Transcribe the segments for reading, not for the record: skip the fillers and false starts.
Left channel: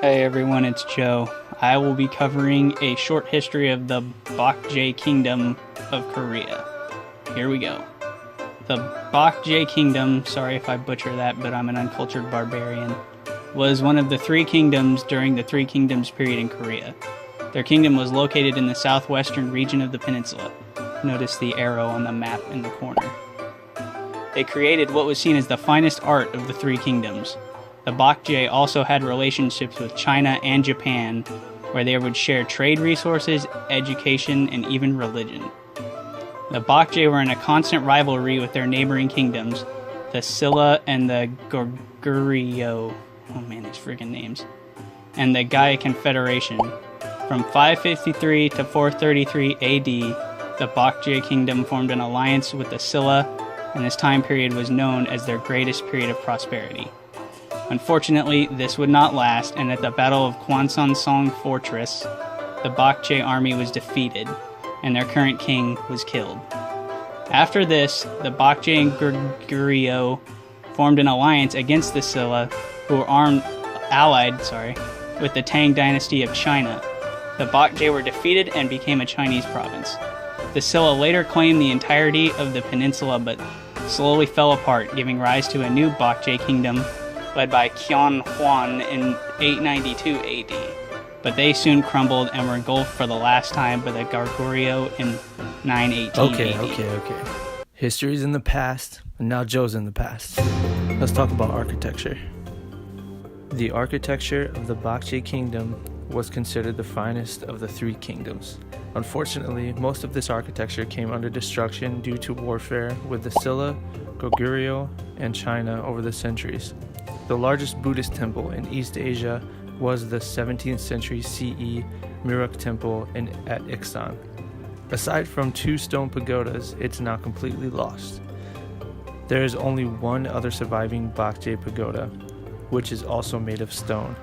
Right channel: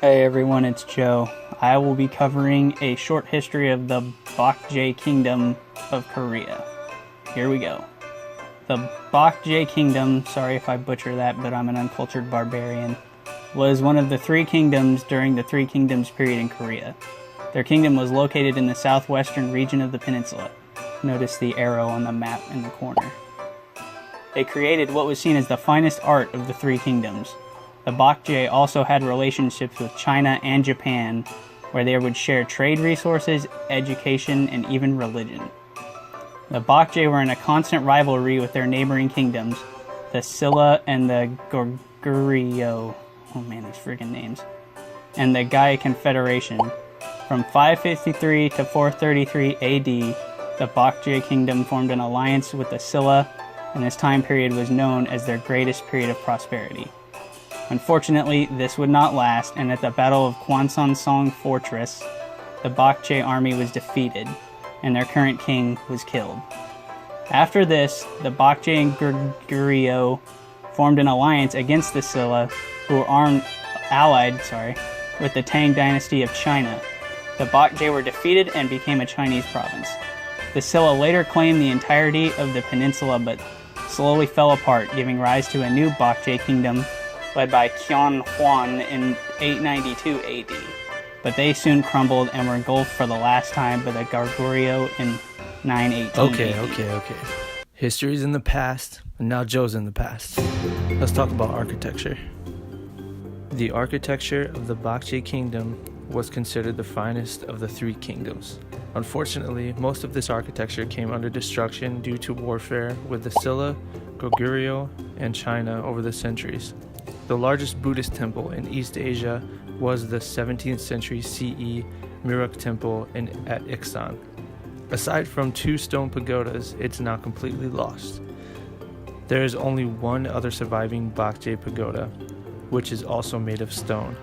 Hey everyone, it's Joe. I will be covering a short history of the Baekje Kingdom of Korea. Here we go. The Baekje Kingdom, sorry if I butcher that, but I'm an uncultured barbarian, was one of the three kingdoms during the Three Kingdoms period in Korea. Their kingdom was located in the southwestern region of the peninsula. Notice the arrow on the map in the corner. They created what was seen as the finest art of the three kingdoms. The Baekje also had relationships with China and Japan, where they would share trade resources, education, and even religion. The Baekje were in a constant rivalry with their neighboring kingdoms, the Silla and the Goguryeo. Oh man, these freaking names. And the Gaia Confederation. From 553 to 433 AD, the Baekje kingdom formed an alliance with the Silla, and this time period was known as their greatest period of prosperity. Unfortunately, this would not last, and at the Battle of Kwansan-song Fortress, the Baekje army was defeated, and their current king was killed. After this, the Baekje and Goguryeo formed an alliance against the Silla, who were allied with the Tang dynasty of China. The Baekje were defeated and became a Chinese province. The Silla later claimed the entirety of the peninsula, but slowly fell apart, giving rise to a new Baekje kingdom, led by Qian Huan in 892 AD, but they soon crumbled and were engulfed for the last time by the Goguryeo in 918 AD. Okay. History's in the past, and now Joe's in the past. Let's talk about architecture. The architecture of the Baekje kingdom was considered the finest of the three kingdoms. Unfortunately, most of this architecture came under destruction due to warfare with the Silla, Goguryeo, and China over the centuries. The largest Buddhist temple in East Asia was the 17th century CE Muruk Temple at Iksan. Aside from two stone pagodas, it's now completely lost. There is only one other surviving Baekje pagoda, which is also made of stone,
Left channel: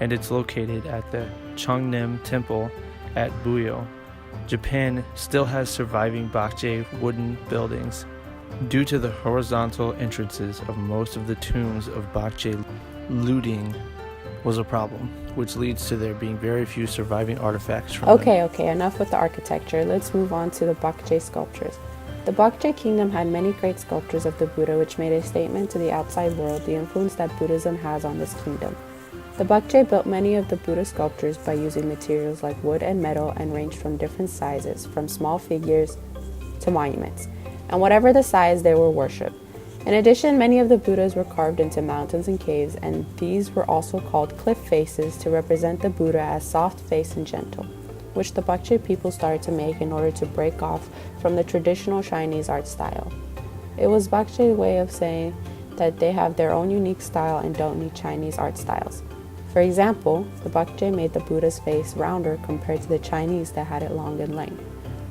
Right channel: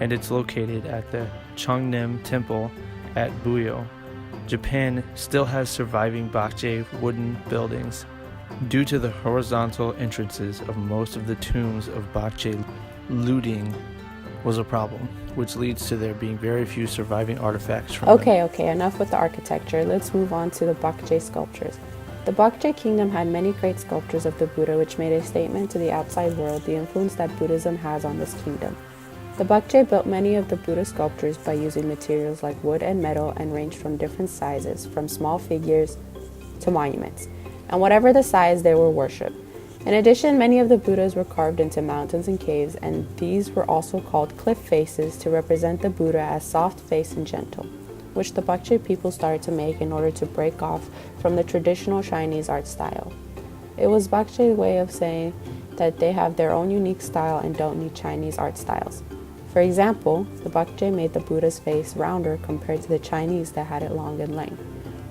and it's located at the Cheongnim Temple at Buyo. Japan still has surviving Baekje wooden buildings. Due to the horizontal entrances of most of the tombs of Baekje, looting was a problem, which leads to there being very few surviving artifacts from them. Okay, enough with the architecture. Let's move on to the Baekje sculptures. The Baekje kingdom had many great sculptures of the Buddha, which made a statement to the outside world the influence that Buddhism has on this kingdom. The Baekje built many of the Buddha sculptures by using materials like wood and metal and ranged from different sizes, from small figures to monuments, and whatever the size, they were worshipped. In addition, many of the Buddhas were carved into mountains and caves, and these were also called cliff faces to represent the Buddha as soft-faced and gentle, which the Baekje people started to make in order to break off from the traditional Chinese art style. It was Baekje's way of saying that they have their own unique style and don't need Chinese art styles. For example, the Baekje made the Buddha's face rounder compared to the Chinese that had it long in length.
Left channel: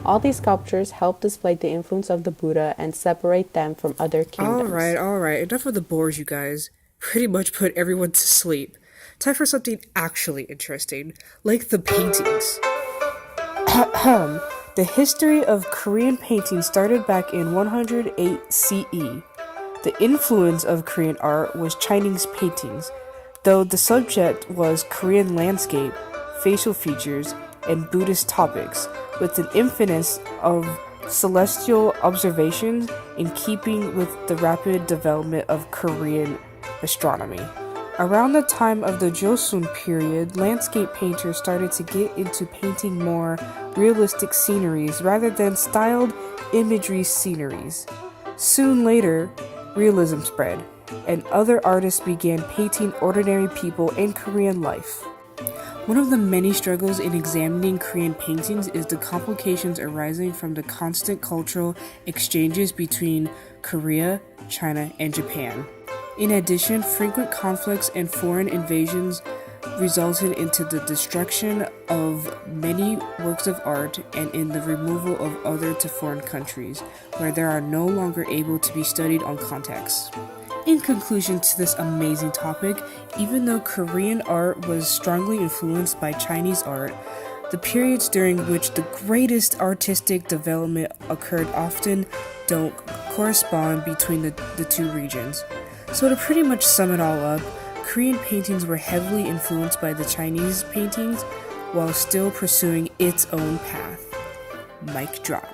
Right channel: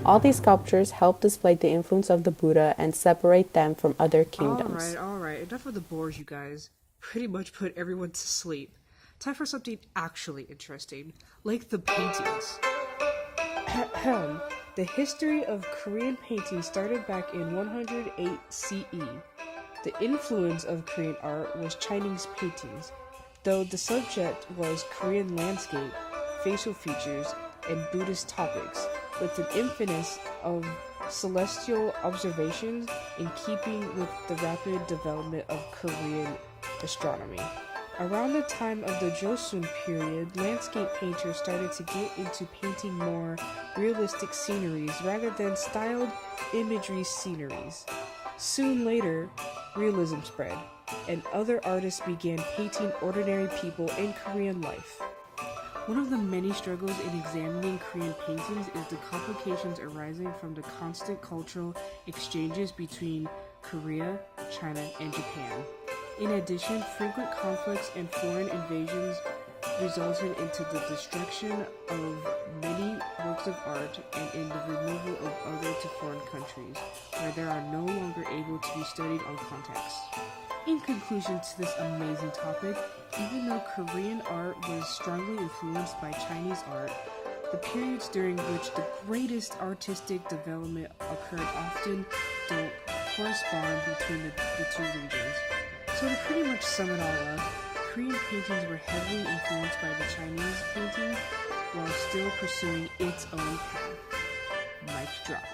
All these sculptures help display the influence of the Buddha and separate them from other kingdoms. Alright, enough of the bores, you guys. Pretty much put everyone to sleep. Time for something actually interesting, like the paintings. The history of Korean painting started back in 108 CE. The influence of Korean art was Chinese paintings, though the subject was Korean landscape, facial features, and Buddhist topics, with an emphasis of celestial observations in keeping with the rapid development of Korean astronomy. Around the time of the Joseon period, landscape painters started to get into painting more realistic sceneries rather than styled imagery sceneries. Soon later, realism spread, and other artists began painting ordinary people in Korean life. One of the many struggles in examining Korean paintings is the complications arising from the constant cultural exchanges between Korea, China, and Japan. In addition, frequent conflicts and foreign invasions resulted into the destruction of many works of art and in the removal of other to foreign countries, where they are no longer able to be studied on context. In conclusion to this amazing topic, even though Korean art was strongly influenced by Chinese art, the periods during which the greatest artistic development occurred often don't correspond between the two regions. So to pretty much sum it all up, Korean paintings were heavily influenced by the Chinese paintings while still pursuing its own path. Mic drop.